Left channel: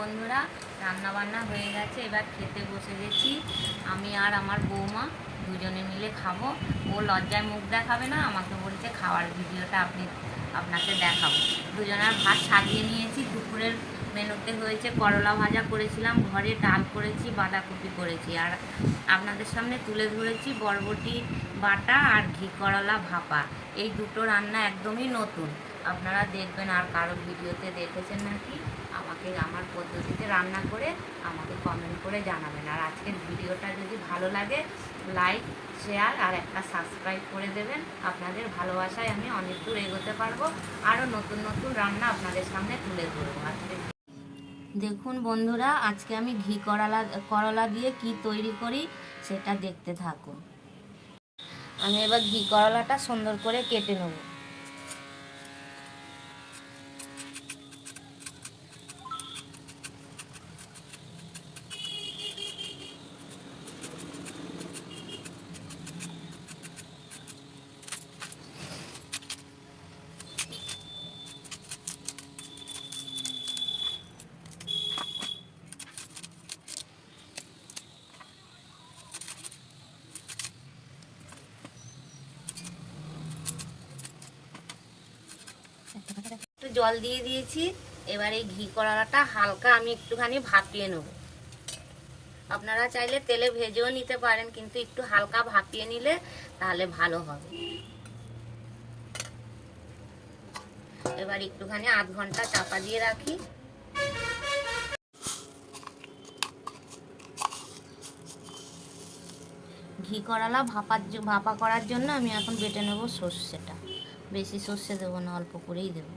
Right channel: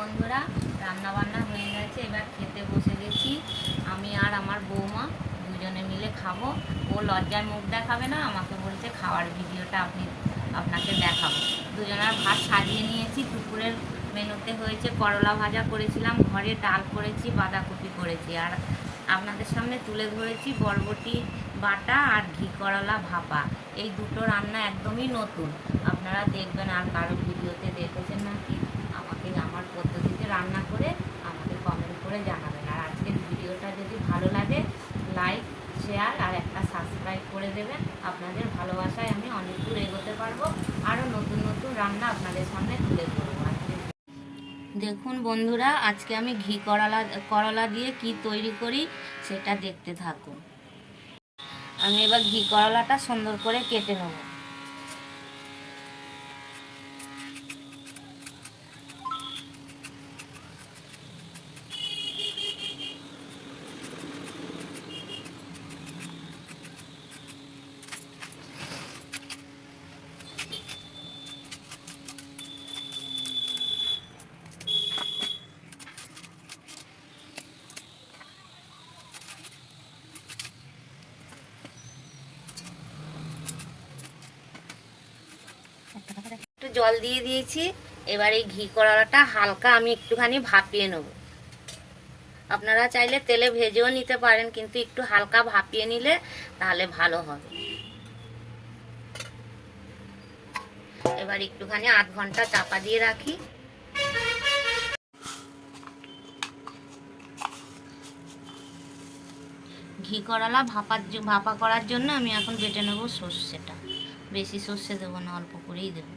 বন্ধুরা, রান্না বান্না হয়ে গেছে। এবার খেতে বসে গেছি। আমি আর আমার বৌমা দুজনে মিলে খাবো। ও লজ্জায় মুখ দেখাবে না, আমাকে বলছে খাওয়ার ভিডিওটা আপনাকে দেখাবো। দুজনের ভাত সাজিয়ে নিয়েছি। দুপুরের মেনুতে হয়েছে করলা ভাজা করেছিলাম, ঘরে ডাল করেছি, বাঁধাকপি করেছি, আর আপনাদের সামনে তুলে ধরেছি বরবটি বাটা আর ঘি করলা ভাপা। এই দুটো রান্না একদমই নতুন, আপনারা দেখবেন। আর কারোর ভিডিওতে দেখেছেন নাকি আমাকে আমার পদ্ধতিতে রান্না করে আমাকে কমেন্ট করে জানাবেন। আর আজকের ভিডিওটা যদি ভালো লাগে লাইক, শেয়ার আর একটা সাবস্ক্রাইব করে দেবেন। আপনাদের ভালোবাসায় আমি অনেক দূর এগোতে পারবো, আরও নতুন নতুন রান্না আপনাদের সামনে তুলে ধরবো। আজকে দেখুন বন্ধুরা, আজকে আমি ঘি করলা দিয়ে কি তৈরি করি সেটা দেখতে থাকুন। আমি এবার ঘি করলাটা সুন্দর করে কেটে নেব। একটু জল দিয়ে দিয়েছি। এবার এই ঘি কড়াটা হালকা আমি একটুখানি ভাপিয়ে নেব। আপনারা চাইলে তেলে ভেজেও নিতে পারেন, কিন্তু একটু হালকা ভাপিয়ে নিলে তাহলে ভালো হবে। এবার একটুখানি আধ ঘন্টা চাপা দিয়ে রাখি। ঘি করলা ভাপা করার জন্য আমি এখন বেটে নেব সর্ষেটা। বেশি সর্ষে দেবো না, অল্প করেই দেবো।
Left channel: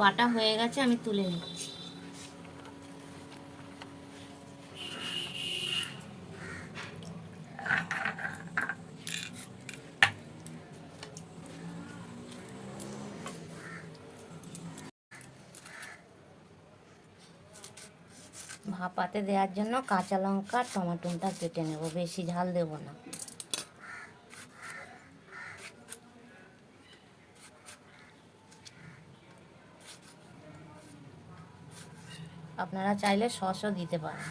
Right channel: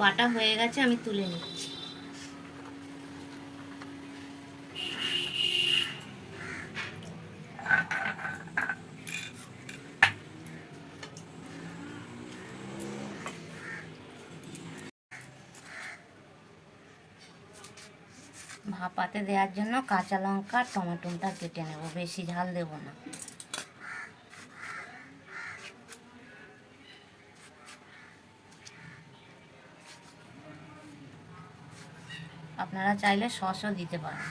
বাটা হয়ে গেছে, আমি তুলে নিচ্ছি। ভাপাতে দেওয়ার জন্য কাঁচা লঙ্কা টমেটোটা কেটে নেব, বেশি ঝাল দেব না। আপনারা চাইলে সসও দিতে পারেন।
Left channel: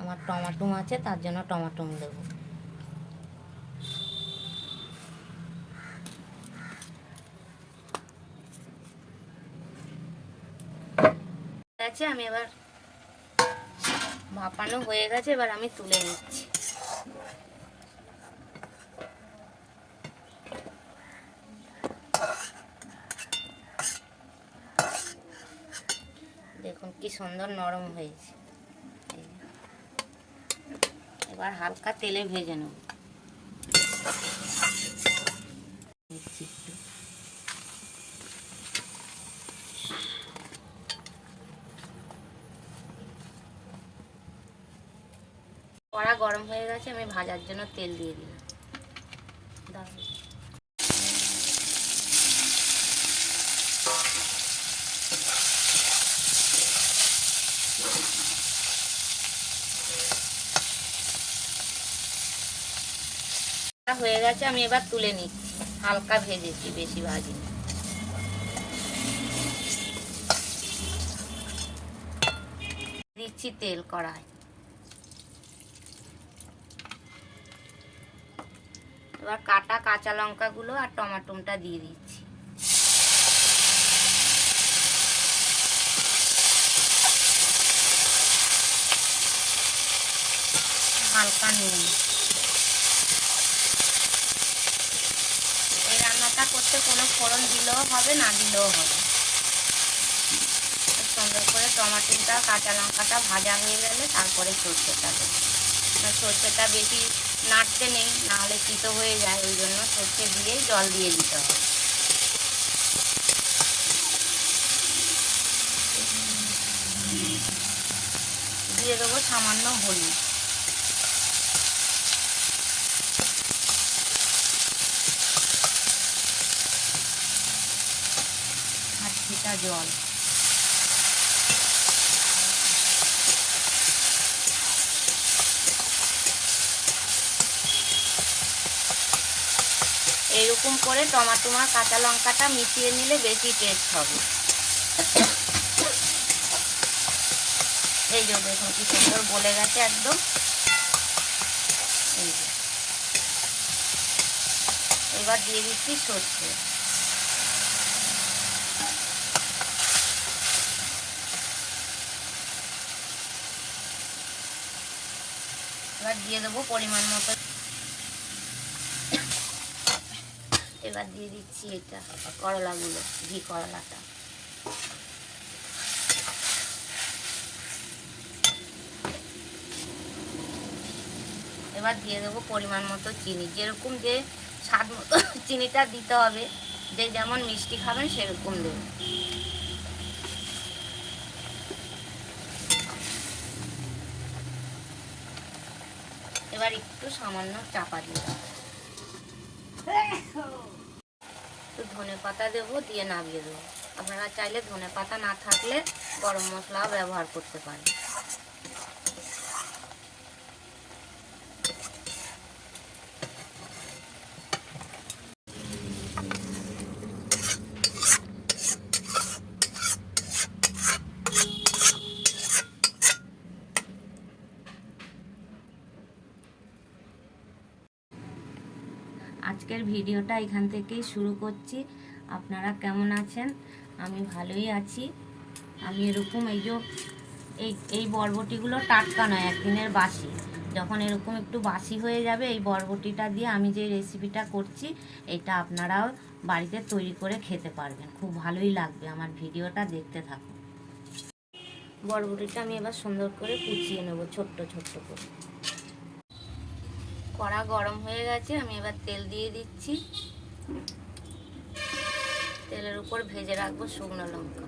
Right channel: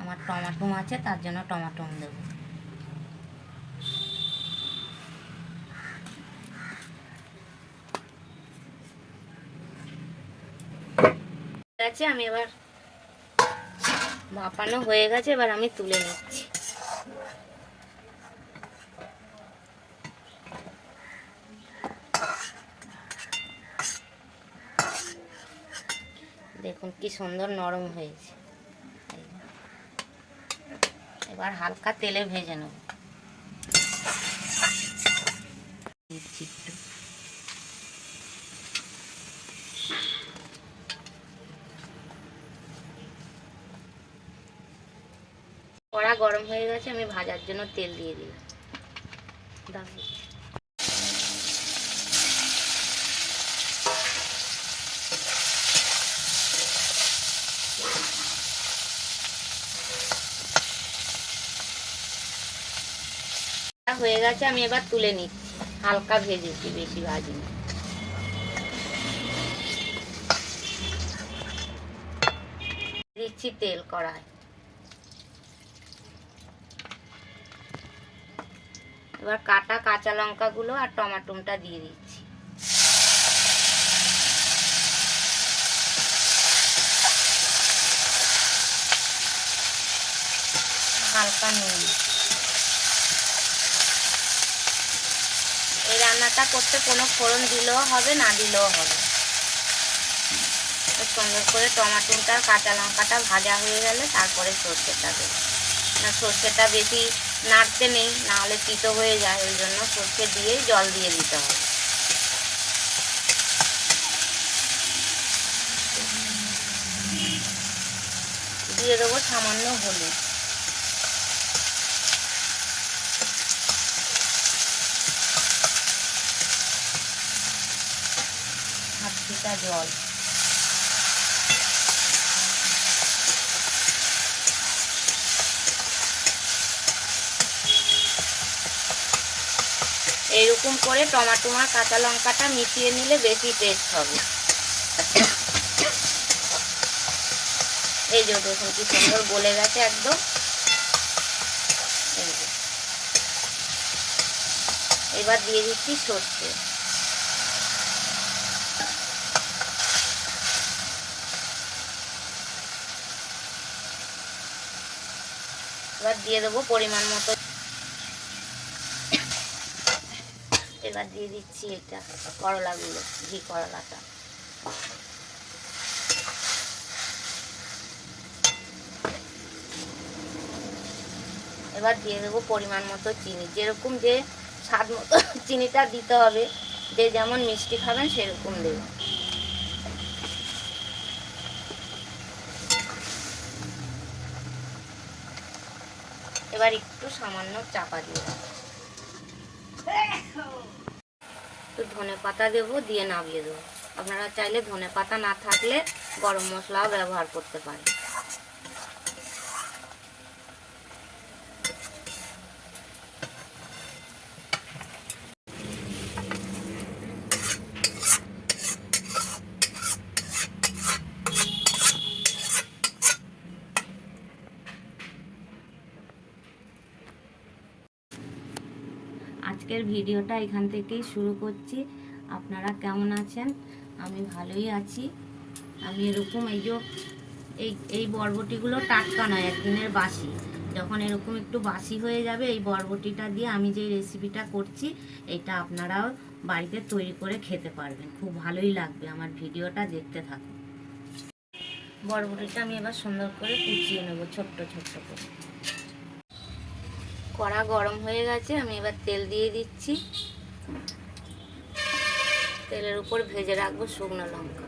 আমার টমেটো আছে, তার জন্য টমেটো দেব। আমি এবার ভাপানো হয়ে গেছে, এবার আমি তুলে নিচ্ছি। দেখুন কি সুন্দর নরম হয়েছে। এবার হালকা তেলে ভেজে নেব। কড়া গরম হয়ে গেছে, আমি ভাজার জন্য তেল দিয়ে দিলাম। হয়ে গেছে, আমি এবার তুলে নিচ্ছি। হালকা ভেজেছি, বেশি ভাজিনি। দিচ্ছি তেল কড়ায়। এবার কাটা কাঁচা লঙ্কাগুলো আর টমেটোটা দিয়ে দিচ্ছি। হালকা নুন। এই রান্নাটা করতে কোনো ফোড়ন দিলেও হবে, না দিলেও হবে। সুন্দর করে টমেটোটা কাঁচা লঙ্কাটা ভাজা হয়ে গেলে তারপরে সর্ষেটা দেবো। না, সর্ষেটা বেশি নাড়তে নেই, নাহলে তিতো হয়ে যায়। ওই জন্য সর্ষে দিয়েই জল দিয়ে দিতে হবে। দিয়ে দেবো সামান্য হলুদ। হাত ছিটা জল। এইরকম করে টমেটো আর কাঁচা লঙ্কাটা মিশিয়ে নিলে বেশি টেস্ট হবে। এই যে দেখুন কি সুন্দর গলে গেছে একদম। এই যে এবার দিয়ে দিচ্ছি সর্ষে। এবার দিয়ে দেবো পরিমাণ মতো। এবার দিয়ে দিচ্ছি এটা করলাগুলো, ঘি করলাটা। এবার দিয়ে দেবো পরিমাণ মতো চিনি, যেরকম যে স্বাদ মতো চিনিটা দিতে হবে, যে যেমন মিষ্টি খাবেন সেরকম দেবেন। এবার একটু সামান্য চাপা দিয়ে একটু ধনে পাতা দেবো, দিয়ে নামিয়ে দেবো। আপনারা চাইলে ধনে পাতা না থাকলে গরম মশলাও ব্যবহার করতে পারেন। আজকের ভিডিওটা এখান থেকেই শুরু করছি। আপনারা কেমন আছেন? আমি ভালোই আছি। আমি এরকম এই বরবটিগুলো টাটকা নয়, একদিনের বাসি। যখন এরকম একটু বাসি হয়ে যাবে, এই বরবটিটা দিয়ে আমি যে রেসিপিটা করছি এটা আপনারাও বাড়িতে তৈরি করে খেতে পারবেন। খুব ভালোই লাগবে। আমার ভিডিওটা দেখতে থাকুন। বরবটিটা আমি এবার সুন্দর করে কুচিয়ে নেব ছোট্ট ছোট্ট করে। কড়া গরম হয়ে গেছে, আমি এবার তেল দিয়ে দিচ্ছি। তেলের উপর ভেজে রাখবো শুকনো লঙ্কা।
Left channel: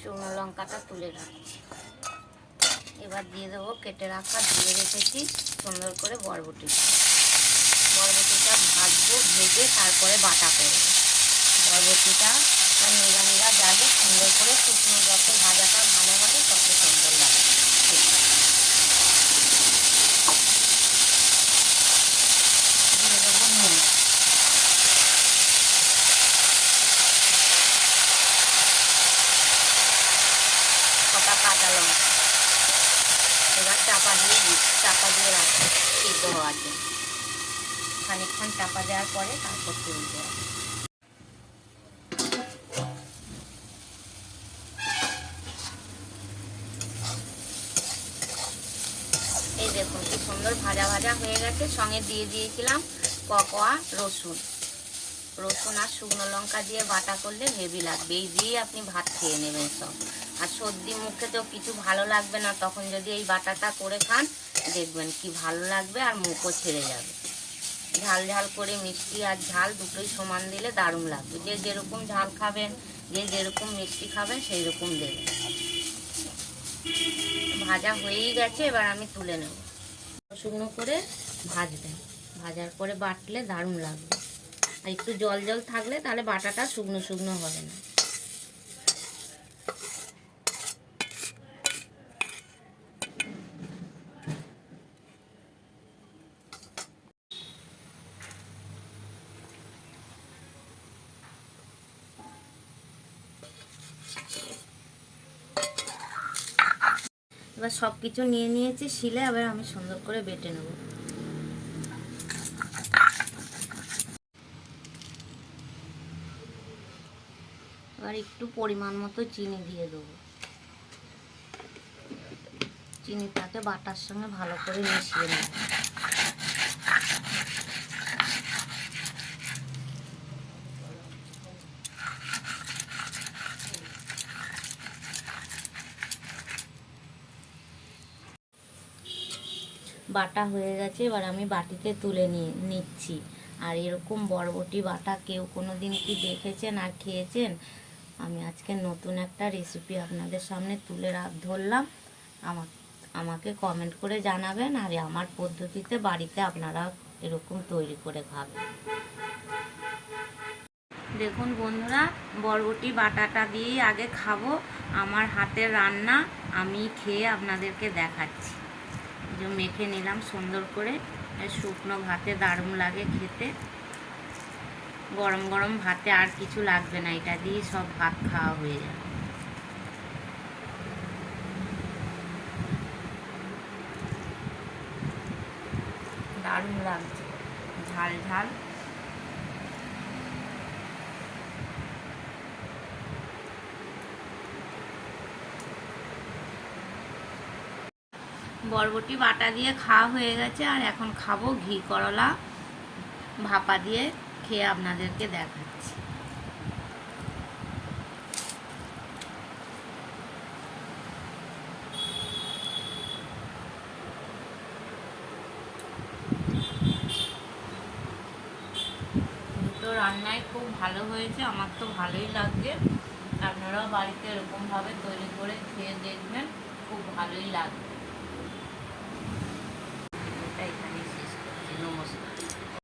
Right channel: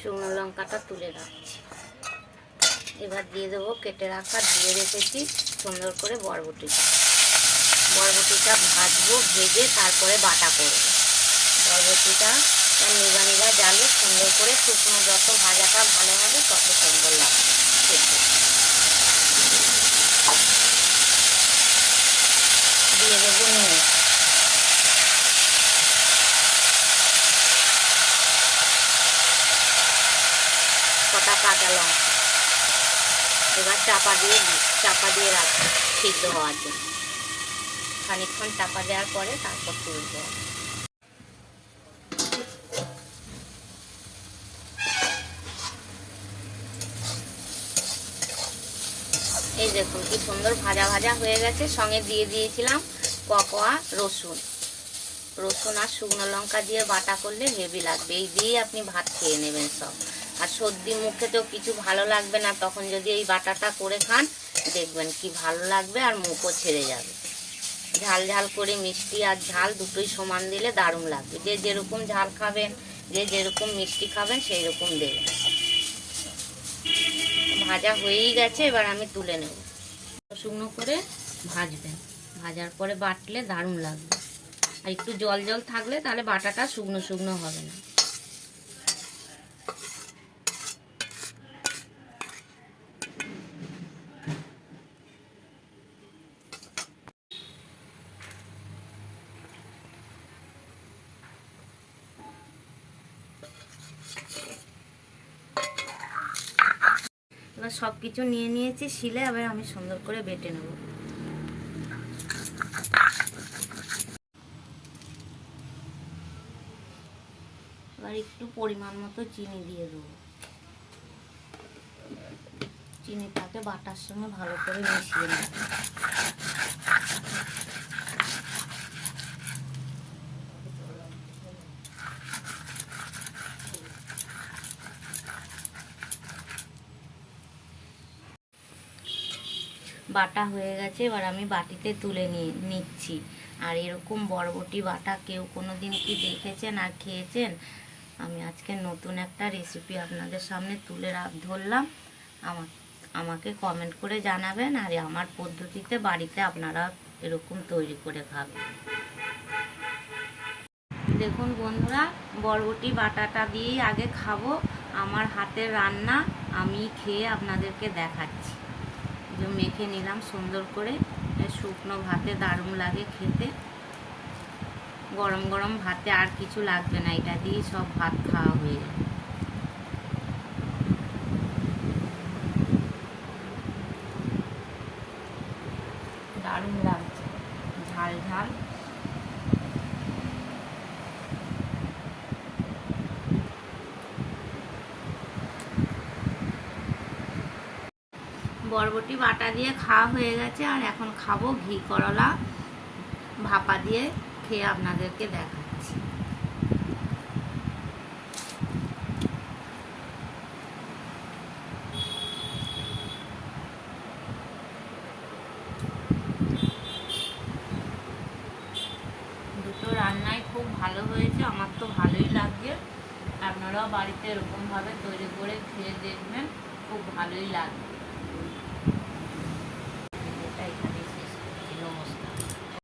শুকনো লঙ্কাটা তুলে রাখছি। এবার দিয়ে দেবো কেটে রাখা, ধুয়ে রেখেছি সুন্দর করে বরবটিটা ভাজবো, ভেজে তারপরে বাটা করবো। বরবটিটা নিভা নিভা জালে সুন্দর করে শুকনো, যত ভাজাটা ভালো হবে তত সুন্দর লাগবে। দিয়ে দেবো নুন, কটা কাঁচা লঙ্কা। এবার চাপা দিয়ে রাখবো সিদ্ধ হওয়ার জন্য। খানিকক্ষণ চাপা দেওয়ার পরে তারপর তুলবো। এই দেখুন কি সুন্দর ভাজা ভাজা হয়ে গেছে। সঙ্গে দিয়ে দিয়েছিলাম ককোয়া রসুন আর শুকনো লঙ্কা দিয়ে বাটা করলে হেভি লাগবে। এই দিয়ে আপনি ভাত খেয়ে নেবেন সব। আর সর্দি মুখেতেও কিছু ভালো লাগবে না, তখন যদি এই বাটাটা করে খান দেখবেন কি ভালো লাগবে, আর মুখও ছেড়ে যাবে। ঝাল ঝাল করে মিষ্টি আর ঝাল দুটোই সমান দিলে দারুণ লাগবে। যে যেরকম ঝাল খাবেন, যে যেরকম মিষ্টি খাবেন সেই রকম দেবেন। ভাজা হয়েই গেছে, এবার আমি তুলে নেব। শুকনো করে ভাজবেন, ভাজার পরে বাটলে দারুণ লাগবে। আর একটু জল জল থাকলে তাহলে বাটাটা শুকনো শুকনো হবে না। এবার সব কিছু নিয়ে নিয়েছি শিলে, এবার আমি সুন্দর করে বেটে নেব। এবার একটু পরিমাণ মতো চিনি দিয়ে দেবো। চিনিটাকে বাটার সঙ্গে ভালো করে মিশিয়ে নেব। বাটা হয়ে গেছে, এবার আমি বাটিতে তুলে নিচ্ছি। আর এরকম বরবটি বাটা কেউ কোনো দিন কি দেখেছেন আর খেয়েছেন? আমি আজকে নতুন একটা রেসিপি আপনাদের সামনে তুলে ধরলাম। আমাকে কমেন্ট করে জানাবেন, আর আমার পদ্ধতিতে বাড়িতে আপনারা এরকম তৈরি করে খাবেন। দেখুন বন্ধুরা, বরবটি বাটাটা দিয়েই আগে খাবো। আমার হাতের রান্না, আমি খেয়ে আপনাদেরকে দেখাচ্ছি। যে মেখে নিলাম সুন্দর করে, শুকনো ভাতে দারুণ লাগে খেতে। গরম গরম ভাতে আর কিছু লাগবে না, এটা দিয়ে সব ভাত খাওয়া হয়ে যাবে। দারুণ লাগছে, ঝাল ঝাল। বরবটি বাটা দিয়ে খাওয়া হয়ে গেছে, আর এখন খাবো ঘি করলা ভাপা দিয়ে, খেয়ে আপনাদেরকে দেখাচ্ছি। দুটো রান্নাই খুব ভালো হয়েছে, আমার তো ভালোই লাগছে। আপনারাও বাড়িতে এরকমভাবে তৈরি করে খেয়ে দেখবেন, খুব ভালোই লাগবে।